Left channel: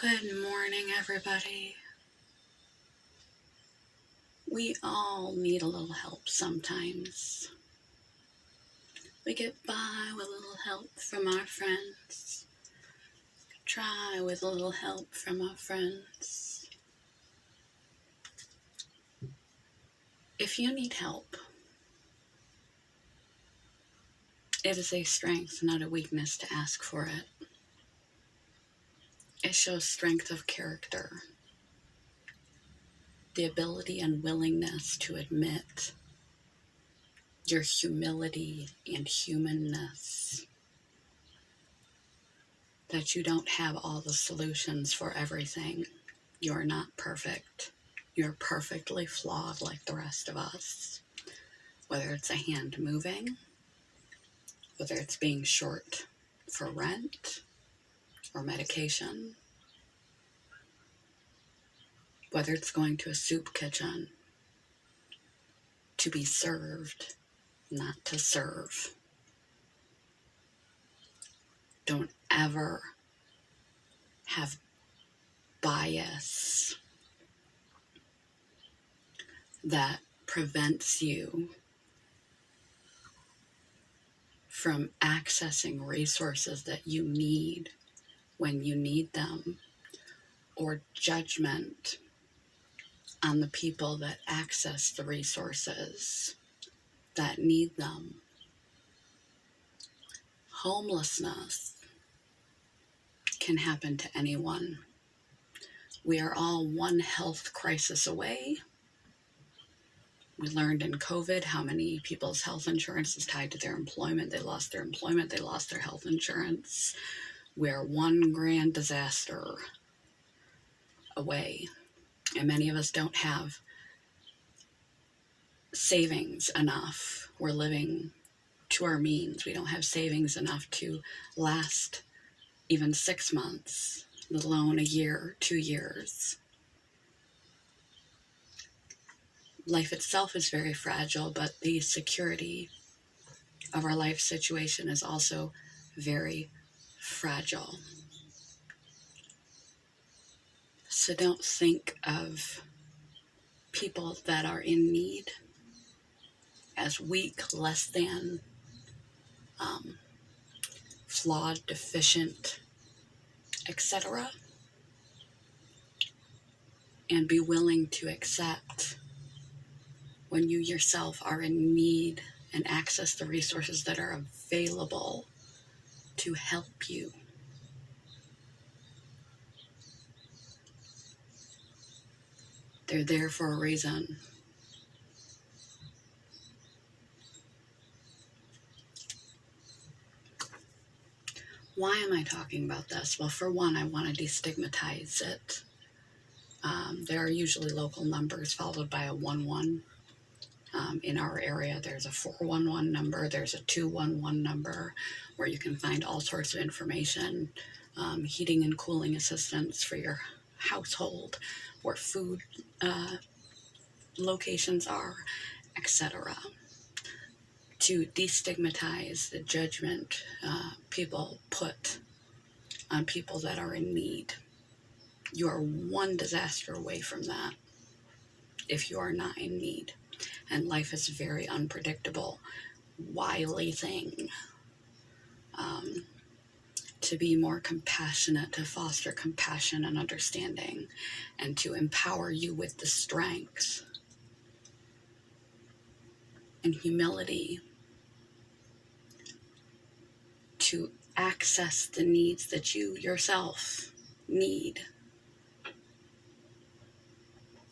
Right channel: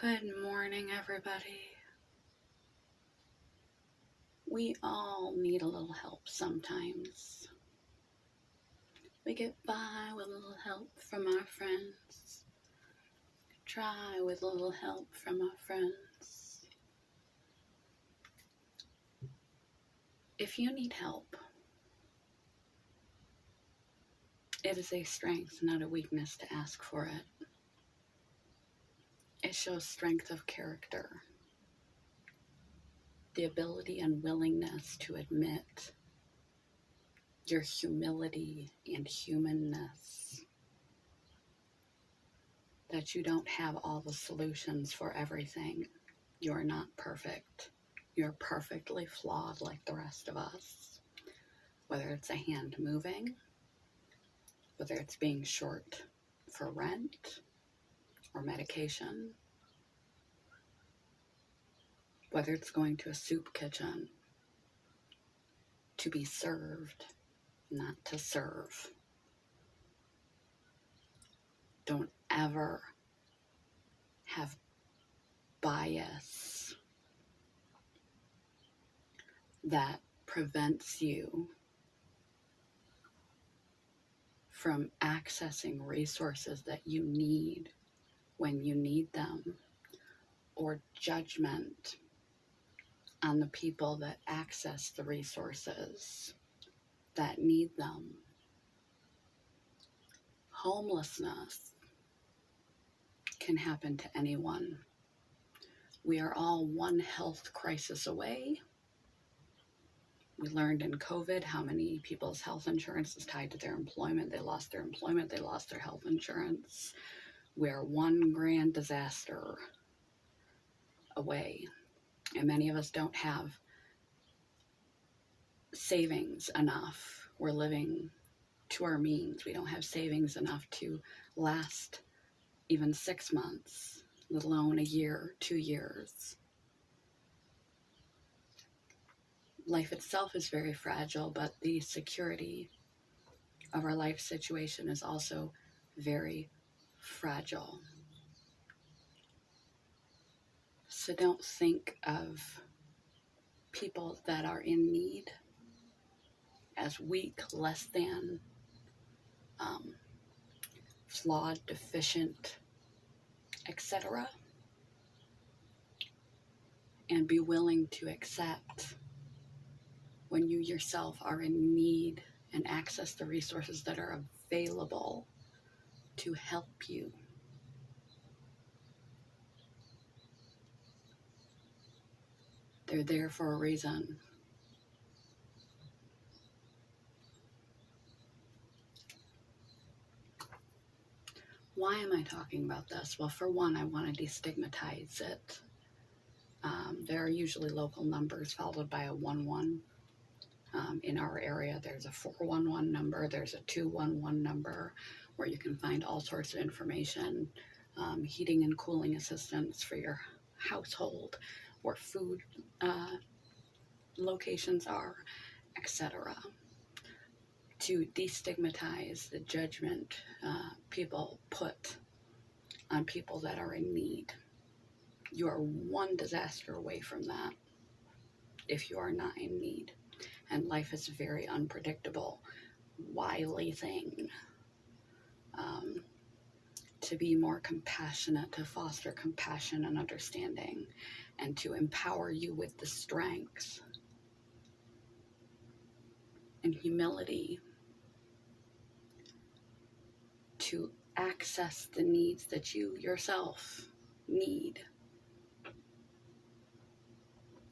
Good morning, everybody. We all need a little help sometimes. We get by with a little help from our friends. Try with a little help from our friends. If you need help, it is a strength, not a weakness, to ask for it. It shows strength of character, the ability and willingness to admit your humility and humanness, that you don't have all the solutions for everything. You're not perfect. You're perfectly flawed like the rest of us. Whether it's a hand moving, whether it's being short for rent or medication, whether it's going to a soup kitchen to be served, not to serve. Don't ever have bias that prevents you from accessing resources that you need when you need them, or judgment on the people that access the resources that need them. Homelessness can happen to anyone. We are all one health crisis away. We learned in COVID how many people's health insurance is tied to their employment. They lost their employment, they lost their health insurance. We're one grand disaster away. And many of us don't have savings enough. We're living to our means. We don't have savings enough to last even 6 months, let alone a year, 2 years. Life itself is very fragile, but the security of our life situation is also very fragile. So don't think of people that are in need as weak, less than, flawed, deficient, etc. And be willing to accept when you yourself are in need and access the resources that are available to help you. They're there for a reason. Why am I talking about this? Well, for one, I want to destigmatize it. There are usually local numbers followed by a 11. In our area, there's a 411 number, there's a 211 number, where you can find all sorts of information, heating and cooling assistance for your household, where food locations are, etc. To destigmatize the judgment people put on people that are in need. You are one disaster away from that if you are not in need. And life is a very unpredictable, wily thing. To be more compassionate, to foster compassion and understanding, and to empower you with the strength and humility to access the needs that you yourself need.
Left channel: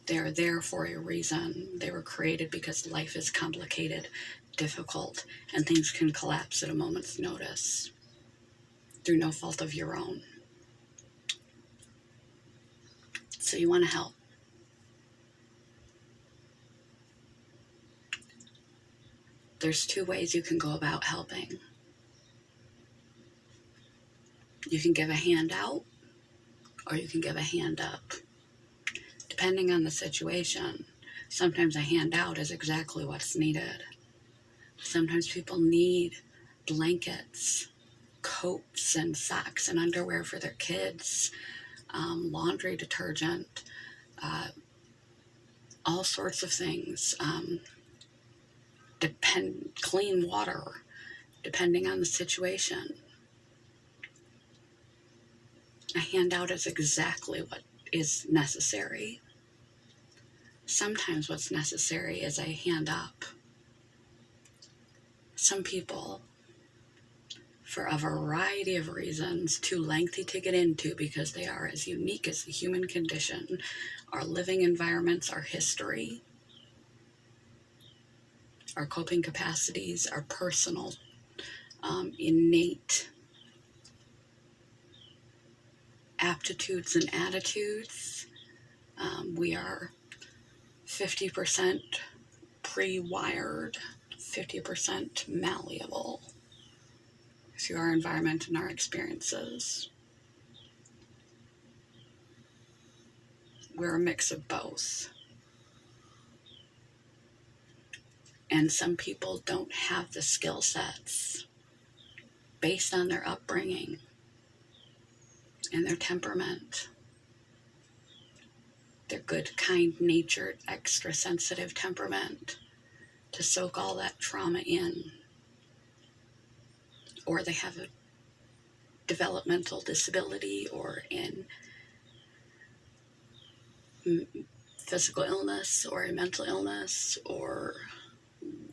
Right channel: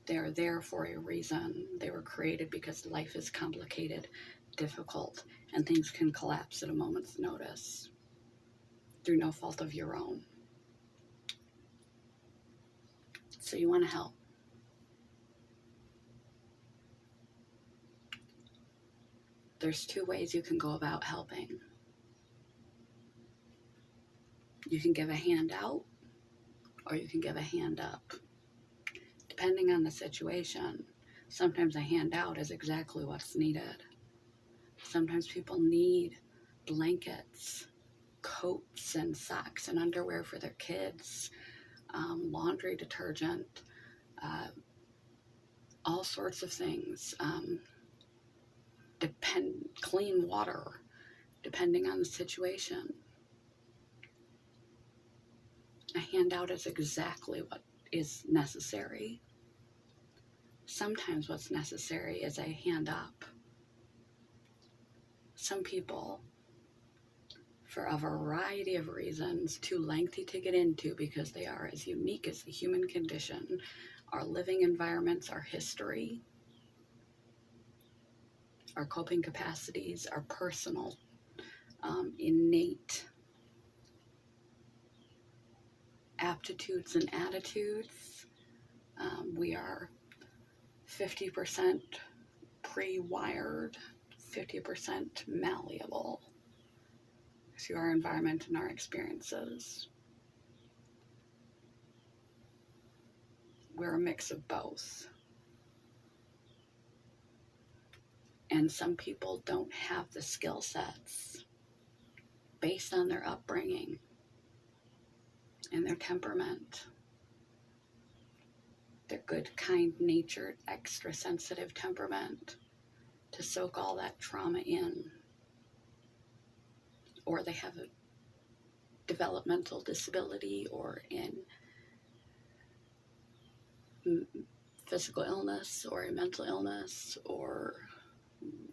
They are there for a reason. They were created because life is complicated, difficult, and things can collapse at a moment's notice through no fault of your own. So you want to help. There's 2 ways you can go about helping. You can give a hand out, or you can give a hand up. Depending on the situation, sometimes a hand out is exactly what's needed. Sometimes people need blankets, coats, and socks and underwear for their kids, laundry detergent, all sorts of things, clean water, depending on the situation. A handout is exactly what is necessary. Sometimes what's necessary is a hand up. Some people, for a variety of reasons, too lengthy to get into because they are as unique as the human condition, our living environments, our history, our coping capacities, our personal, innate aptitudes and attitudes. We are 50% pre-wired, 50% malleable through our environment and our experiences. We're a mix of both. And some people don't have the skill sets based on their upbringing and their temperament. Their good, kind-natured, extra-sensitive temperament to soak all that trauma in. Or they have a developmental disability or in physical illness or a mental illness or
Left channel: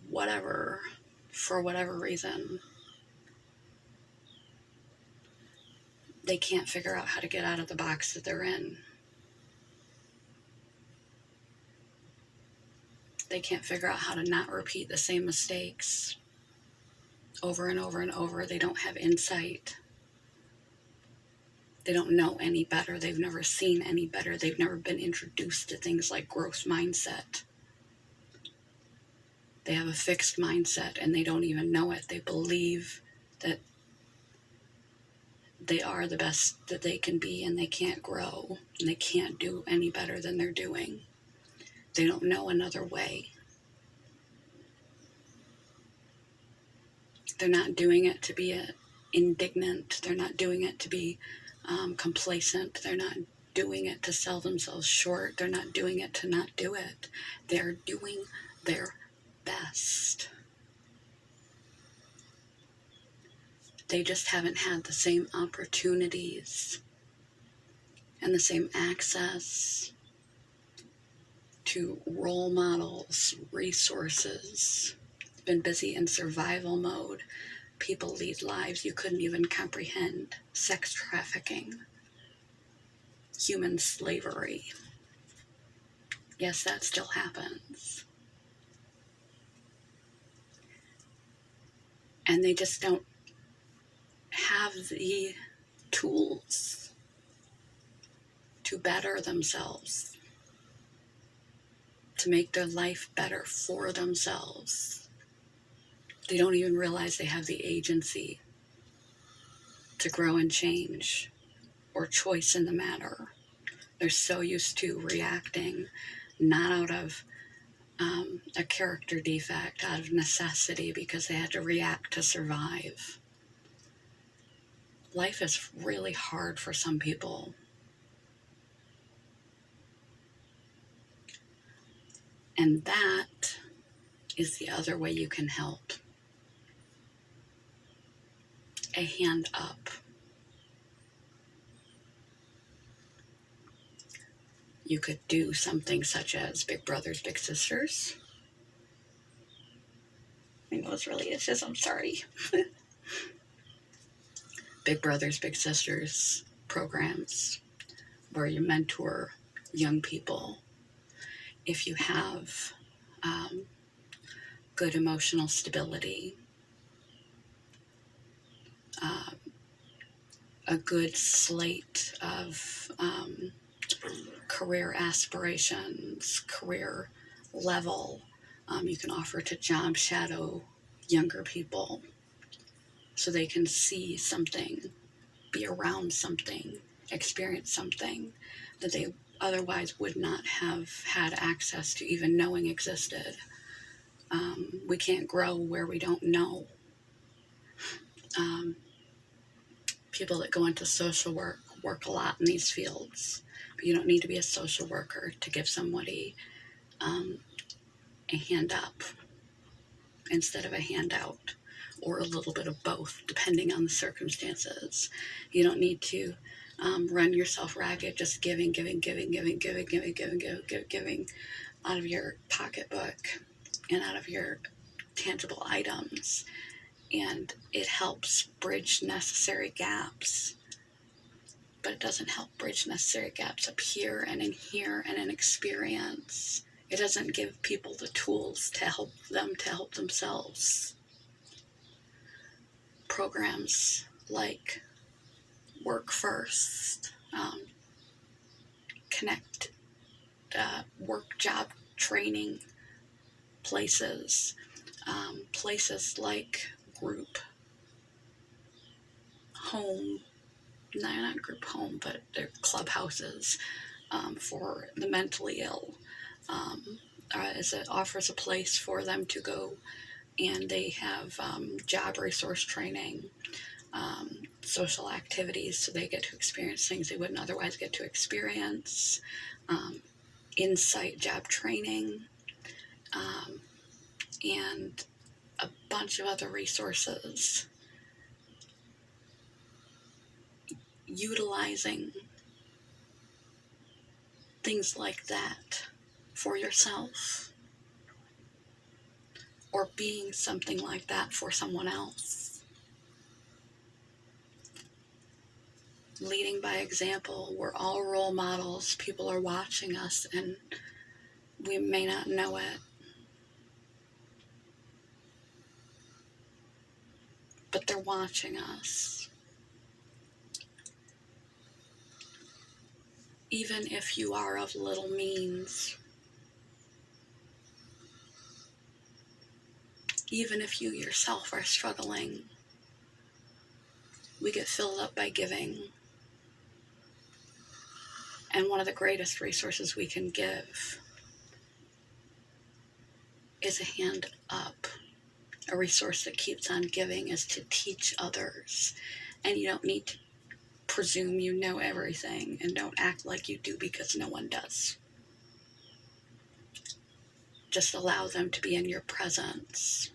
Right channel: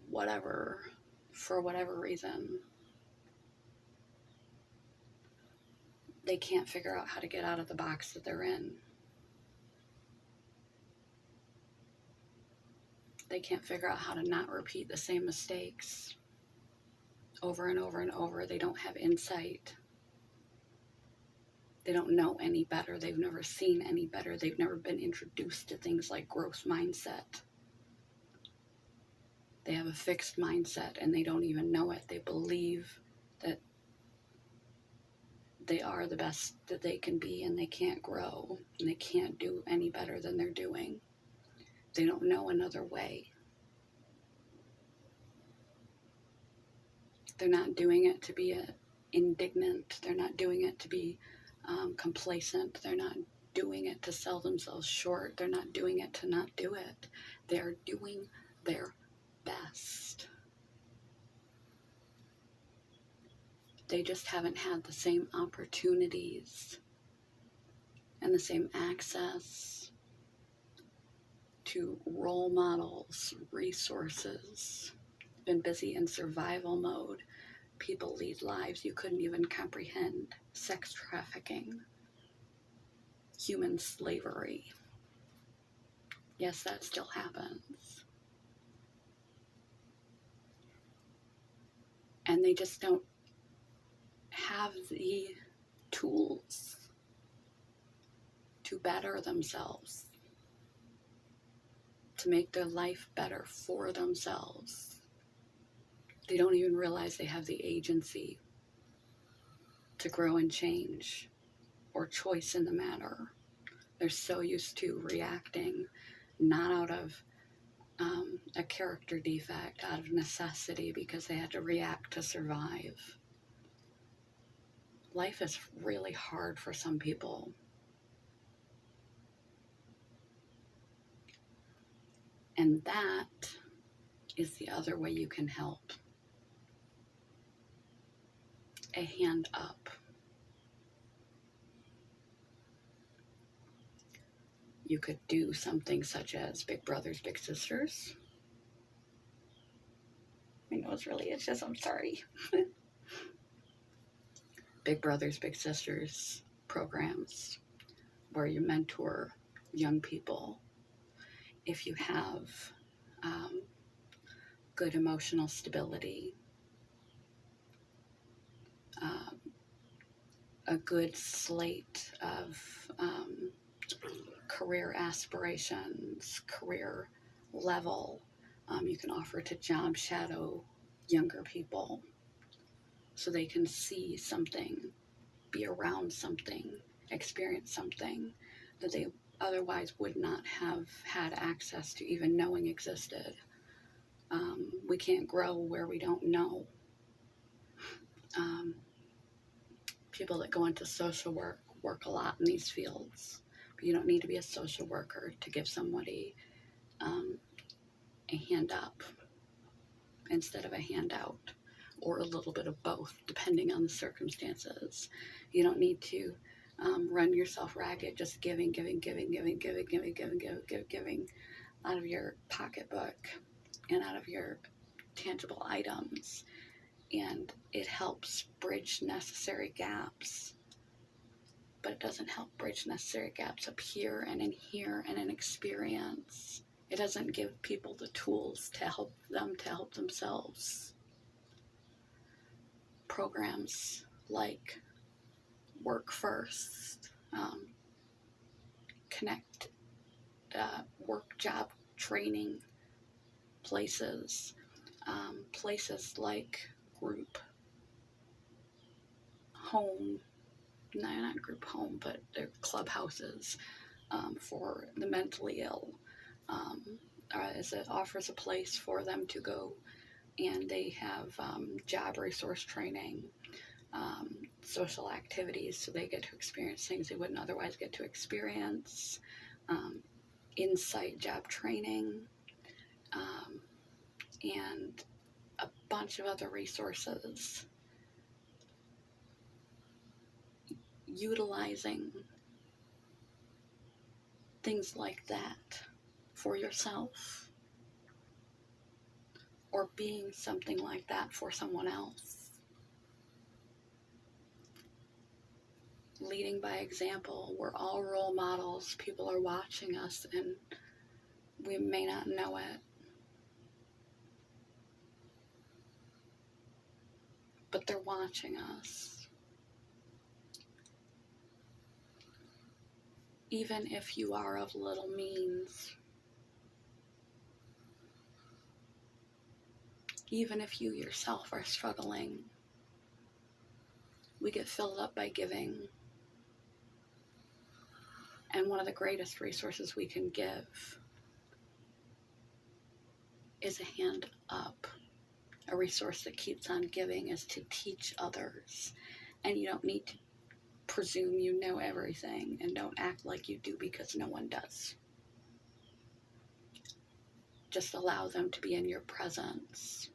whatever, for whatever reason. They can't figure out how to get out of the box that they're in. They can't figure out how to not repeat the same mistakes over and over and over. They don't have insight. They don't know any better. They've never seen any better. They've never been introduced to things like growth mindset. They have a fixed mindset and they don't even know it. They believe that they are the best that they can be and they can't grow and they can't do any better than they're doing. They don't know another way. They're not doing it to be indignant. They're not doing it to be complacent. They're not doing it to sell themselves short. They're not doing it to not do it. They're doing their best. They just haven't had the same opportunities and the same access to role models, resources. Been busy in survival mode. People lead lives you couldn't even comprehend. Sex trafficking, human slavery. Yes, that still happens. And they just don't have the tools to better themselves, to make their life better for themselves. They don't even realize they have the agency to grow and change or choice in the matter. They're so used to reacting, not out of a character defect, out of necessity because they had to react to survive. Life is really hard for some people. And that is the other way you can help. A hand up. You could do something such as Big Brothers, Big Sisters. My nose really itches, I'm sorry. Big Brothers, Big Sisters programs where you mentor young people. If you have good emotional stability, a good slate of career aspirations, career level, you can offer to job shadow younger people so they can see something, be around something, experience something that they otherwise would not have had access to even knowing existed. We can't grow where we don't know. People that go into social work work a lot in these fields, but you don't need to be a social worker to give somebody a hand up instead of a handout, or a little bit of both, depending on the circumstances. You don't need to run yourself ragged, just giving out of your pocketbook and out of your tangible items. And it helps bridge necessary gaps, but it doesn't help bridge necessary gaps up here and in experience. It doesn't give people the tools to help themselves. Programs like Work First, Connect, work job training places, places like Group Home, not Group Home, but they're clubhouses for the mentally ill. It offers a place for them to go, and they have job resource training, social activities, so they get to experience things they wouldn't otherwise get to experience, insight job training, and a bunch of other resources. Utilizing things like that for yourself, or being something like that for someone else. Leading by example. We're all role models. People are watching us, and we may not know it, but they're watching us. Even if you are of little means, even if you yourself are struggling, we get filled up by giving. And one of the greatest resources we can give is a hand up. A resource that keeps on giving is to teach others. And you don't need to presume you know everything, and don't act like you do, because no one does. Just allow them to be in your presence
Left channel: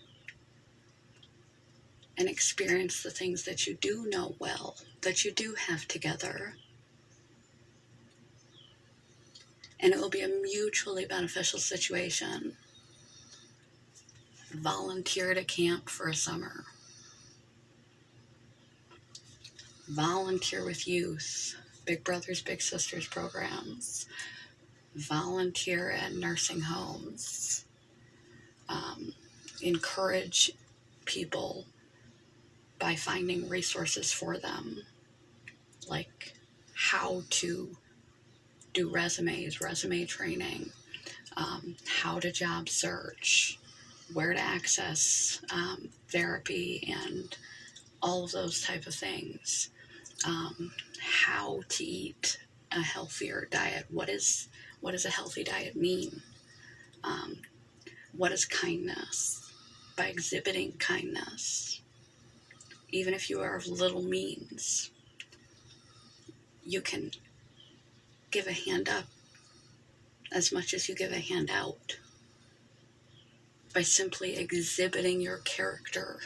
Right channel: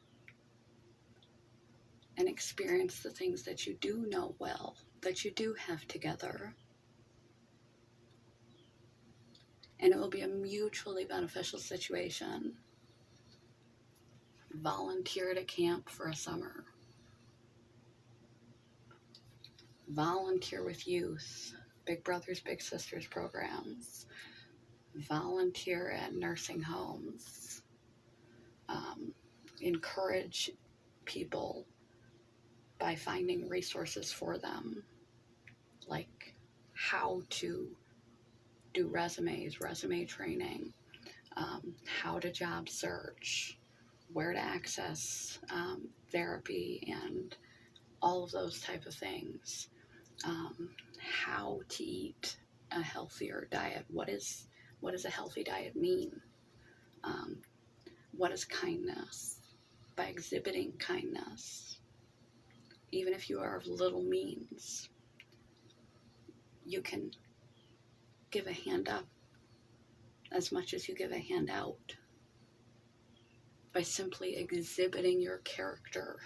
and experience the things that you do know well, that you do have together. And it will be a mutually beneficial situation. Volunteer to camp for a summer. Volunteer with youth, Big Brothers Big Sisters programs. Volunteer at nursing homes. Encourage people by finding resources for them, like how to do resumes, resume training, how to job search, where to access therapy, and all of those type of things. How to eat a healthier diet. What does a healthy diet mean? What is kindness? By exhibiting kindness, even if you are of little means, you can give a hand up as much as you give a hand out, by simply exhibiting your character,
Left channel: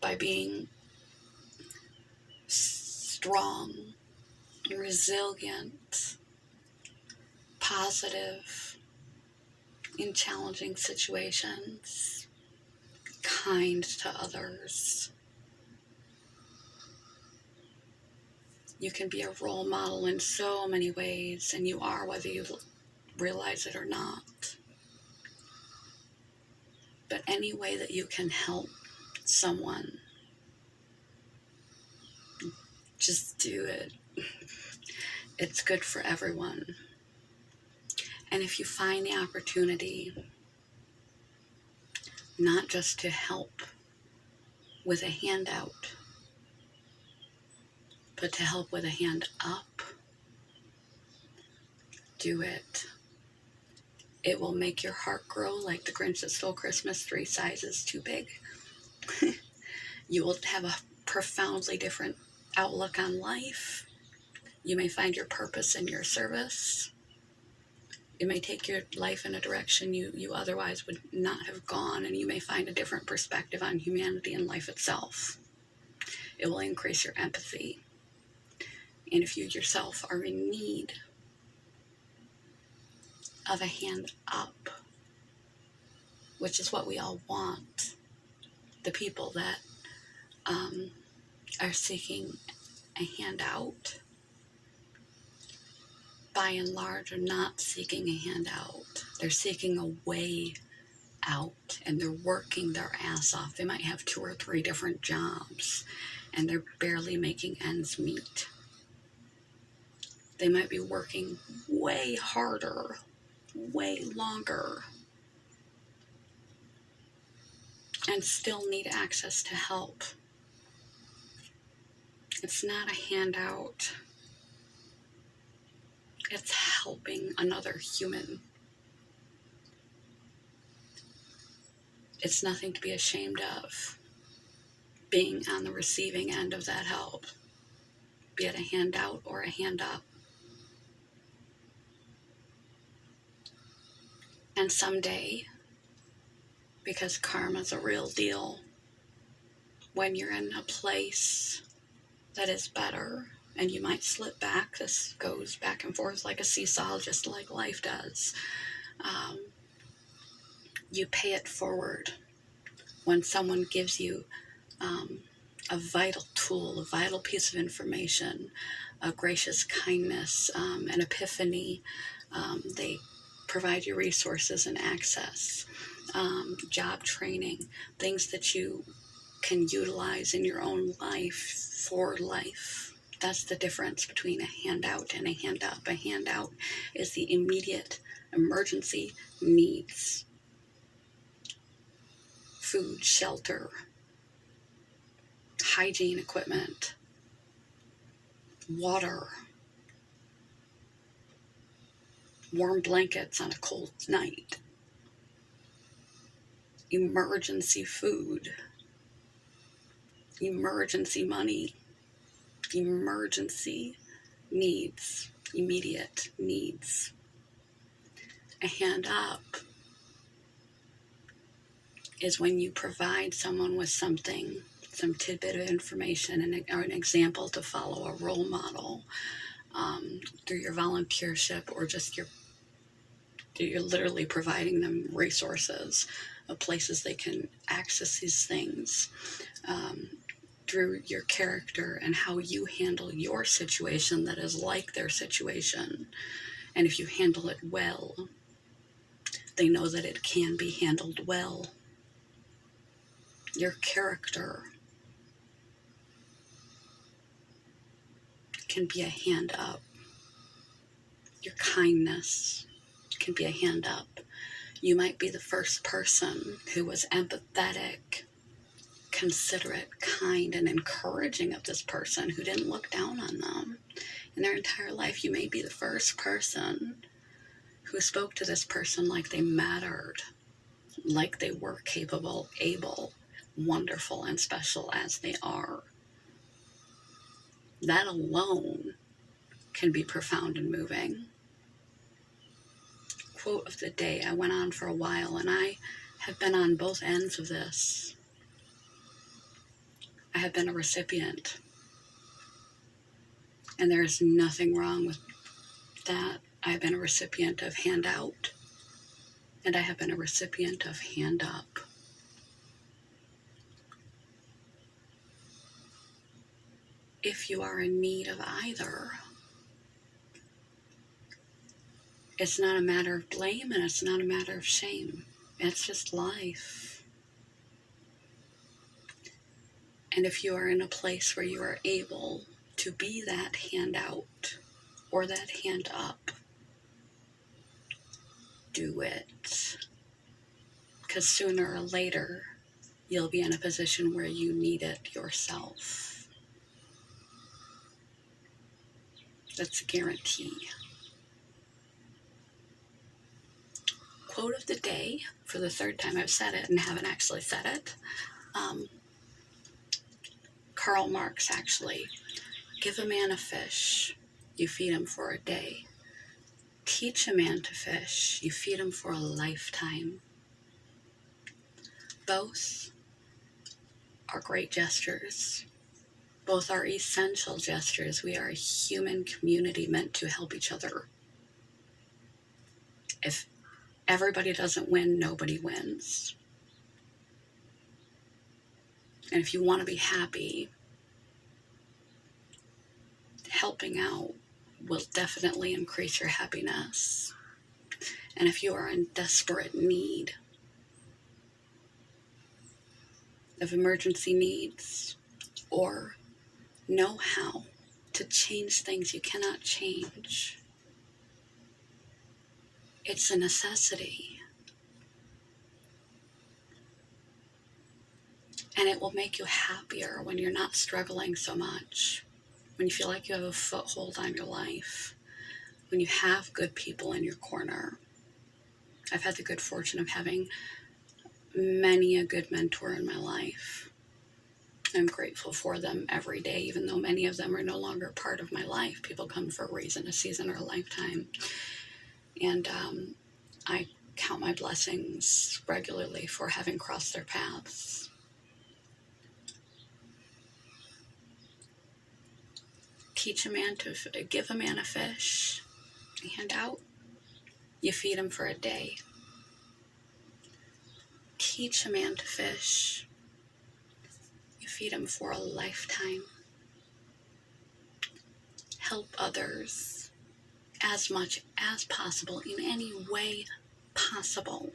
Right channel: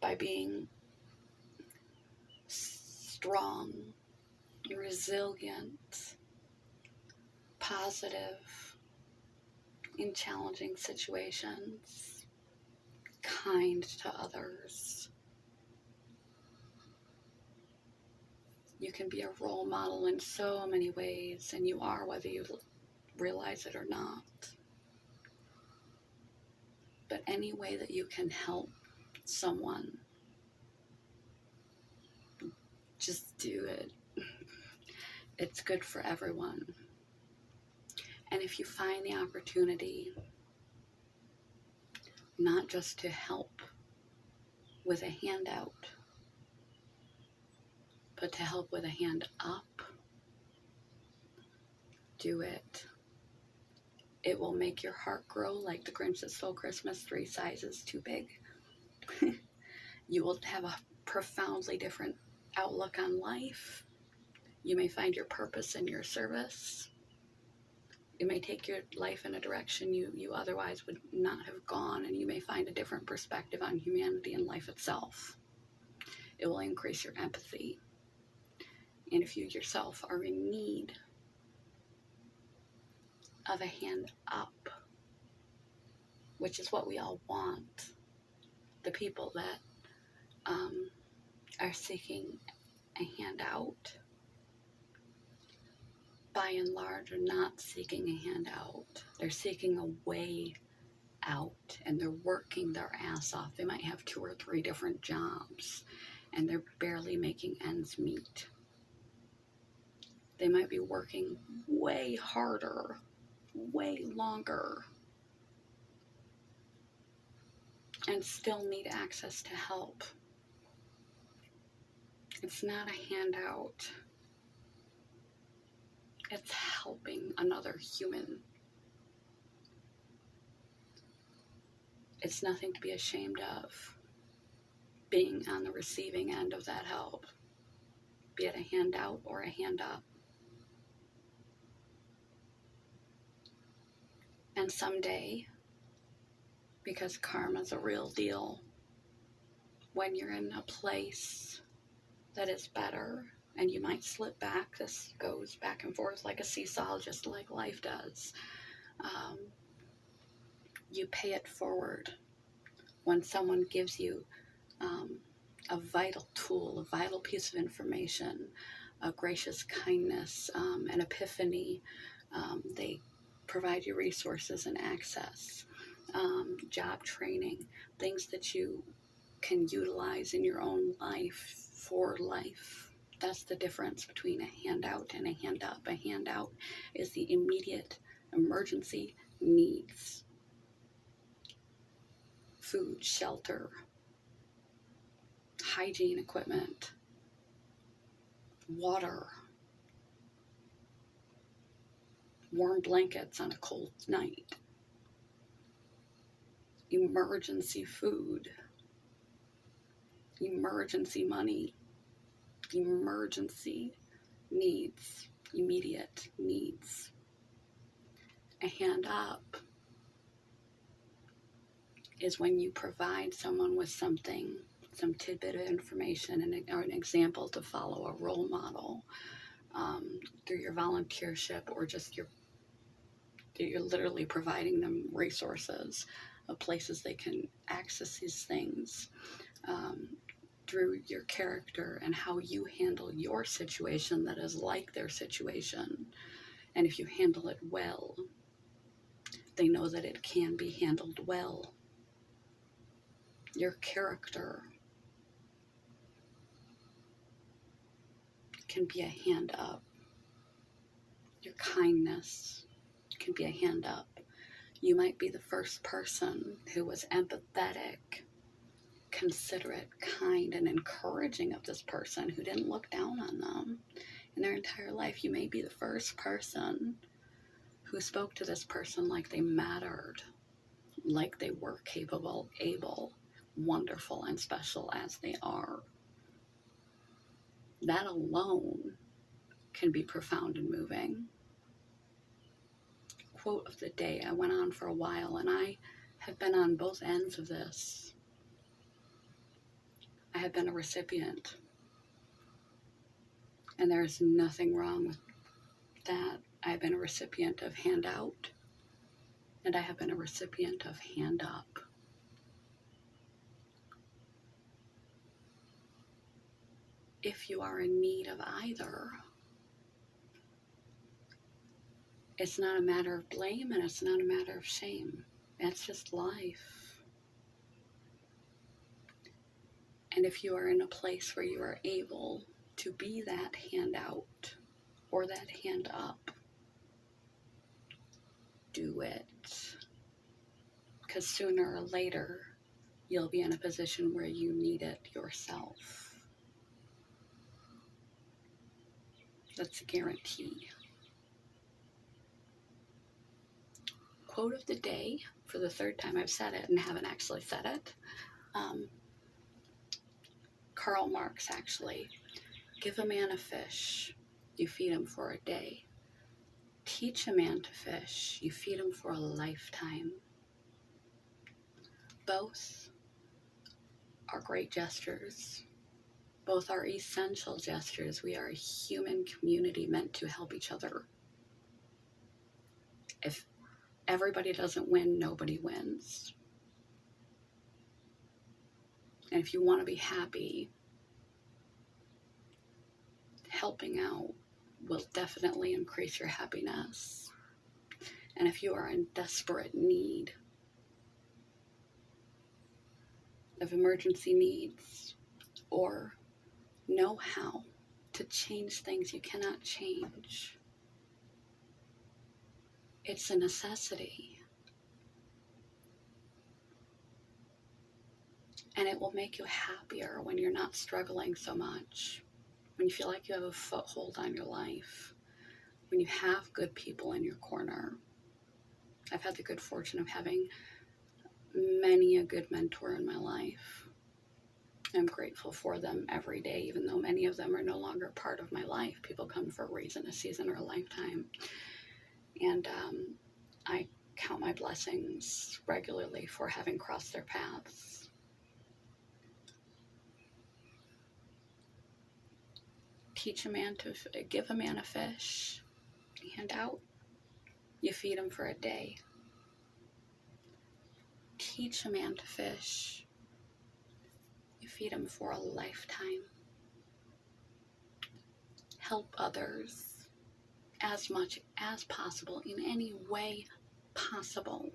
by being strong, resilient, positive in challenging situations, kind to others. You can be a role model in so many ways, and you are, whether you realize it or not. But any way that you can help someone, just do it. It's good for everyone. And if you find the opportunity, not just to help with a handout, but to help with a hand up, do it. It will make your heart grow like the Grinch that stole Christmas 3 sizes too big. You will have a profoundly different outlook on life. You may find your purpose in your service. It may take your life in a direction you otherwise would not have gone, and you may find a different perspective on humanity and life itself. It will increase your empathy. And if you yourself are in need of a hand up, which is what we all want, the people that are seeking a handout, by and large, are not seeking a handout. They're seeking a way out, and they're working their ass off. They might have 2 or 3 different jobs, and they're barely making ends meet. They might be working way harder, way longer, and still need access to help. It's not a handout. It's helping another human. It's nothing to be ashamed of, being on the receiving end of that help, be it a handout or a hand up. And someday, because karma's a real deal, when you're in a place that is better, and you might slip back, this goes back and forth like a seesaw, just like life does, you pay it forward when someone gives you a vital tool, a vital piece of information, a gracious kindness, an epiphany. They provide you resources and access, job training, things that you can utilize in your own life for life. That's the difference between a handout and a hand up. A handout is the immediate emergency needs: food, shelter, hygiene equipment, water, warm blankets on a cold night, emergency food, emergency money, emergency needs, immediate needs. A hand up is when you provide someone with something, some tidbit of information or an example to follow, a role model, through your volunteership, or just you're literally providing them resources of places they can access these things, through your character and how you handle your situation that is like their situation. And if you handle it well, they know that it can be handled well. Your character can be a hand up. Your kindness can be a hand up. You might be the first person who was empathetic, considerate, kind, and encouraging of this person, who didn't look down on them in their entire life. You may be the first person who spoke to this person like they mattered, like they were capable, able, wonderful, and special as they are. That alone can be profound and moving. Quote of the day. I went on for a while, and I have been on both ends of this. I have been a recipient, and there is nothing wrong with that. I have been a recipient of handout, and I have been a recipient of hand up. If you are in need of either, it's not a matter of blame, and it's not a matter of shame. It's just life. And if you are in a place where you are able to be that handout or that hand up, do it. Because sooner or later, you'll be in a position where you need it yourself. That's a guarantee. Quote of the day, for the third time I've said it and haven't actually said it. Karl Marx, actually. Give a man a fish, you feed him for a day. Teach a man to fish, you feed him for a lifetime. Both are great gestures. Both are essential gestures. We are a human community meant to help each other. If everybody doesn't win, nobody wins. And if you want to be happy, helping out will definitely increase your happiness. And if you are in desperate need of emergency needs or know how to change things you cannot change, it's a necessity. And it will make you happier when you're not struggling so much, when you feel like you have a foothold on your life, when you have good people in your corner. I've had the good fortune of having many a good mentor in my life. I'm grateful for them every day, even though many of them are no longer part of my life. People come for a reason, a season, or a lifetime. And I count my blessings regularly for having crossed their paths. Give a man a fish, hand out, you feed him for a day. Teach a man to fish, you feed him for a lifetime. Help others as much as possible in any way possible.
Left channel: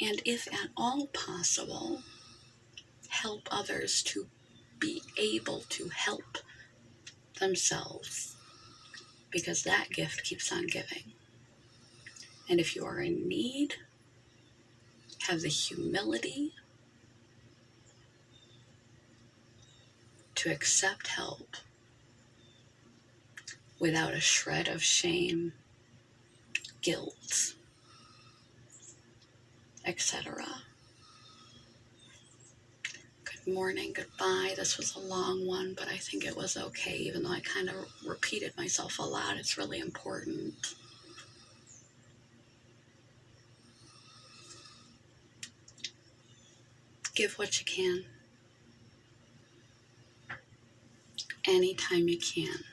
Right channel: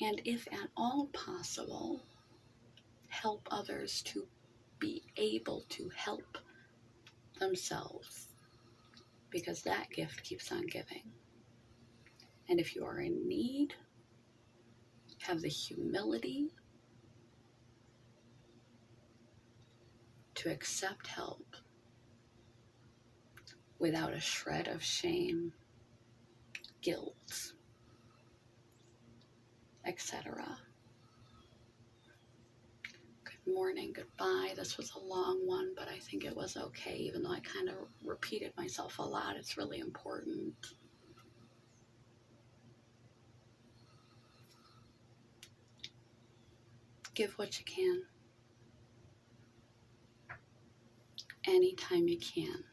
And if at all possible, help others to be able to help themselves, because that gift keeps on giving. And if you are in need, have the humility to accept help without a shred of shame, guilt, etc. Good morning, goodbye. This was a long one, but I think it was okay, even though I kind of repeated myself a lot. It's really important. Give what you can, anytime you can.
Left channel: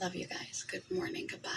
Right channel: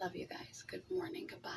Love you guys. Good morning, goodbye.